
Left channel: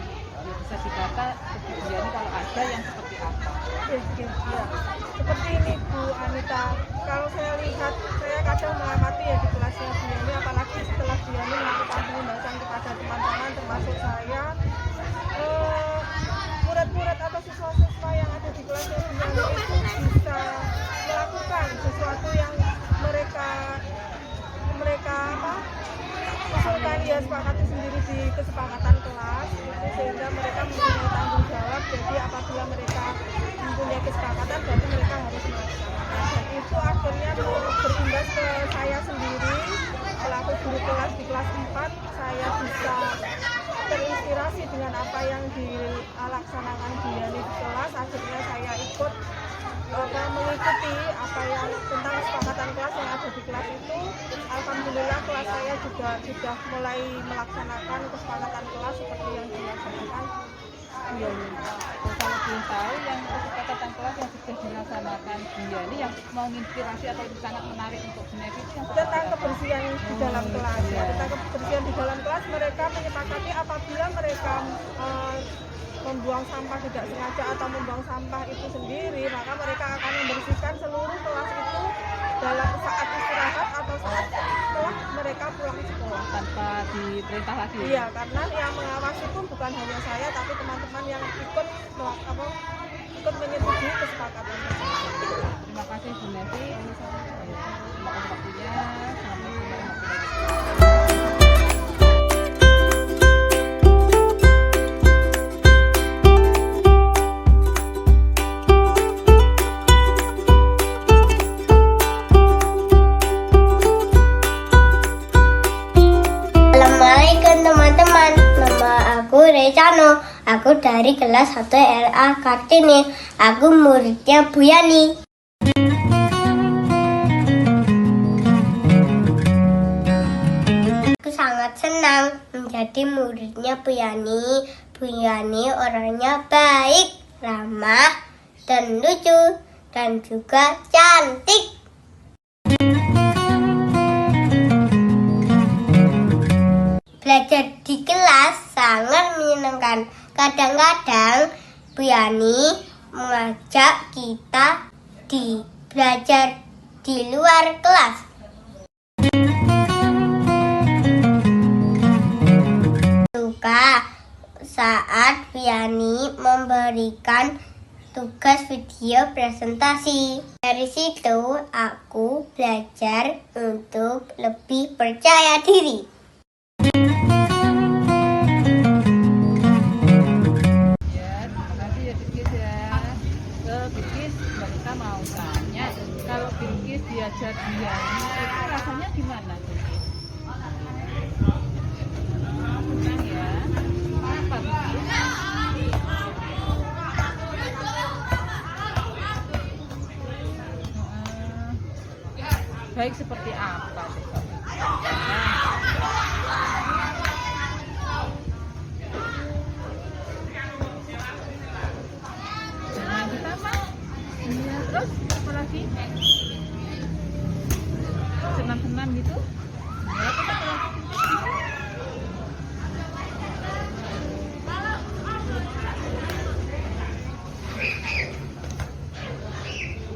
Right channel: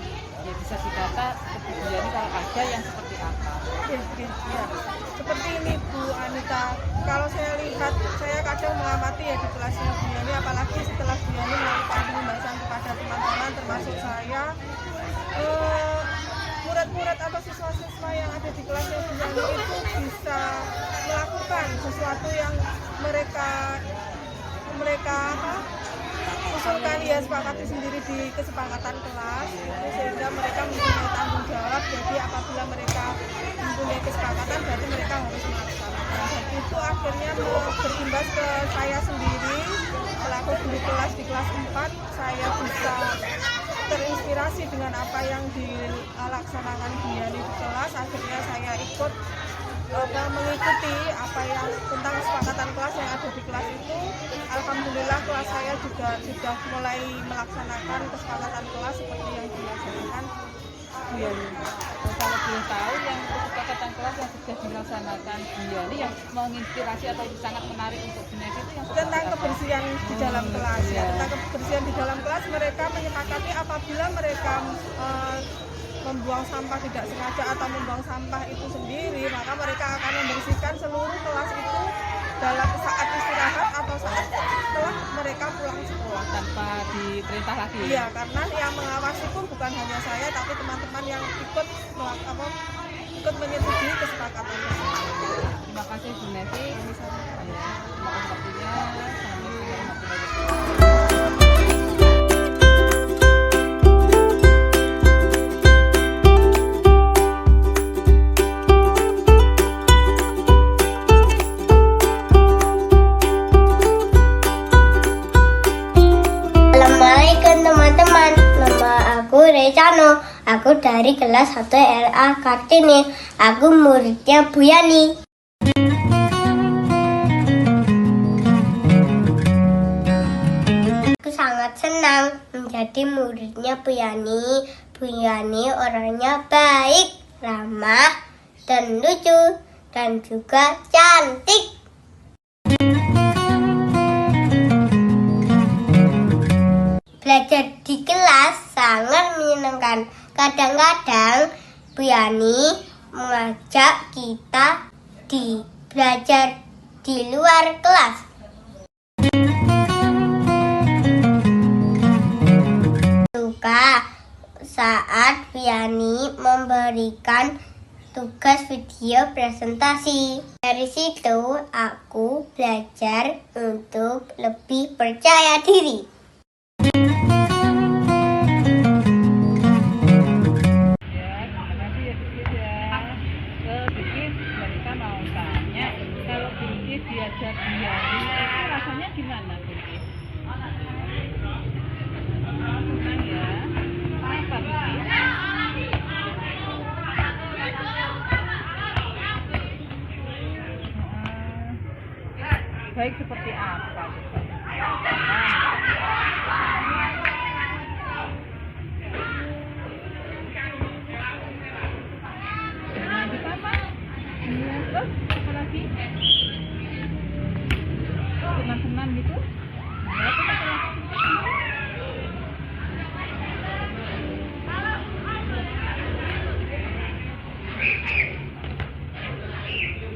bisa dikata seperti Biani, kalau ada yang seperti apa? Ya, seperti ini Bu Anita. Kalau saya lihat, saya kadang mengamati ya di kelasnya Bu Yani, apalagi setelah Bu Yani melakukan pembahasan kepada teman-teman termasuk saya, murid-murid atau siswa-siswa yang ada di kelasnya Bu Yani itu bisa melakukan sesuatu yang mereka usulkan, ya sepakati sendiri di kesepakatan kelas itu, sehingga mereka mempunyai tanggung jawab. Jadi apabila mereka mempunyai kesepakatan berarti mereka harus melaksanakan, dan itu akhirnya berimbas ke saya sendiri selaku guru kelas di kelas 4. Saya bisa terinspirasi dengan apa yang dilaksanakan Bu Yani di kelas. Akhirnya saya ikut mengikuti apa yang tentang kesepakatan kelas yang ada di kelas itu. Alhamdulillah kelas saya juga sudah mulai melaksanakan kesepakatan kelas seperti yang dilaksanakan Bu Yani. Kalau belum tahu yang kesepakatan kelas yang sudah dilaksanakan Bu Yani yang menginspirasi atau sangat menarik untuk Gunedi itu yang Tentang kebersihan di dalam kelas ya, tentang kebersihan di dalam kelas mereka menyepakati apabila mereka membuang sampah tidak sengaja atau membuang sampah itu sendiri, maka mereka akan membersihkan seluruh kelas itu dalam saat istirahat atau saat setelah mereka pulang sekolah. Tanpa diperintah lagi. Iya, karena yang mengawasi pun bukan hanya saya, tapi teman-teman yang ikut menyetujui kesepakatan tersebut. Terima kasih Bu Neti. Terima kasih waktunya. Assalamualaikum warahmatullahi Assalamualaikum teman-teman. Nama aku Rezano. Aku dari kelas 1 RA Kartini. Aku muridnya Bu Yani. Aku sangat senang menjadi muridnya Bu Yani. Bu Yani orangnya baik, ramah, dan lucu, dan juga cantik. Belajar di kelas sangat menyenangkan. Kadang-kadang Bu Yani mengajak kita belajar di luar kelas. Suka saat Bu Yani memberikan tugas video presentasi. Dari situ aku belajar untuk lebih percaya diri. diajak dia itu rasanya gimana Bilkis? Senang ya? Kenapa Bilkis? Baik seperti apa coba? Nah, kita apa? Iya, terus apa lagi? Senang-senang gitu? Ya, terus apa lagi?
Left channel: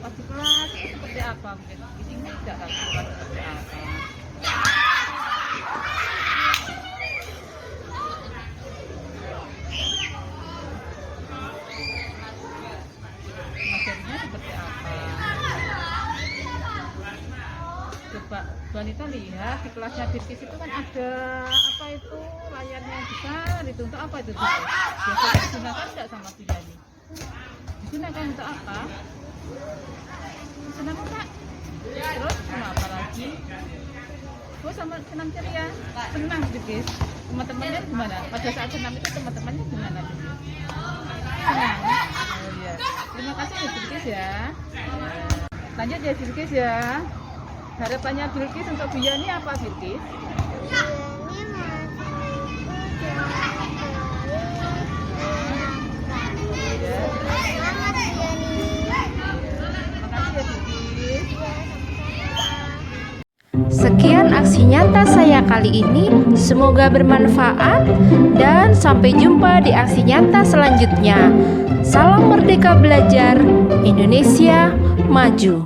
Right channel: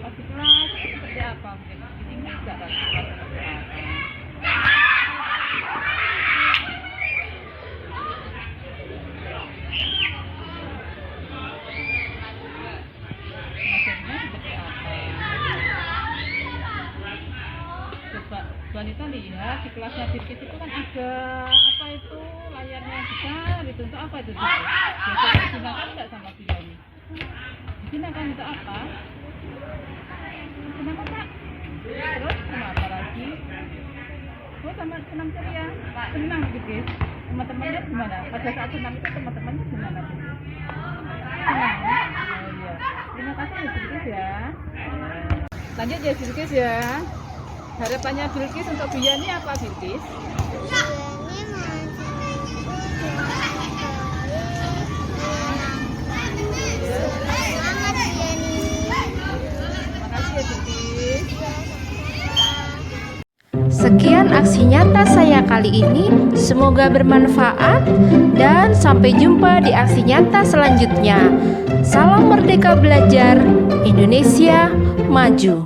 Waktu kelas itu seperti apa? Mungkin di sini enggak lagi kelas seperti apa? Ngajarnya seperti apa? Coba wanita lihat di kelasnya Bilkis itu kan ada apa itu layarnya besar itu untuk apa itu Bilkis? Biasanya digunakan enggak sama Bilani? Digunakan untuk apa? Senang enggak? Terus sama apa lagi? Oh sama senam ceria? Senang Bilkis? Teman-temannya gimana? Pada saat senam itu teman-temannya gimana Bilkis? Senang? Oh iya. Terima kasih ya Bilkis ya. Lanjut ya Bilkis ya. Harapannya Bilkis untuk Biani apa Bilkis? Sekian aksi nyata saya kali ini, semoga bermanfaat dan sampai jumpa di aksi nyata selanjutnya. Salam Merdeka Belajar, Indonesia Maju.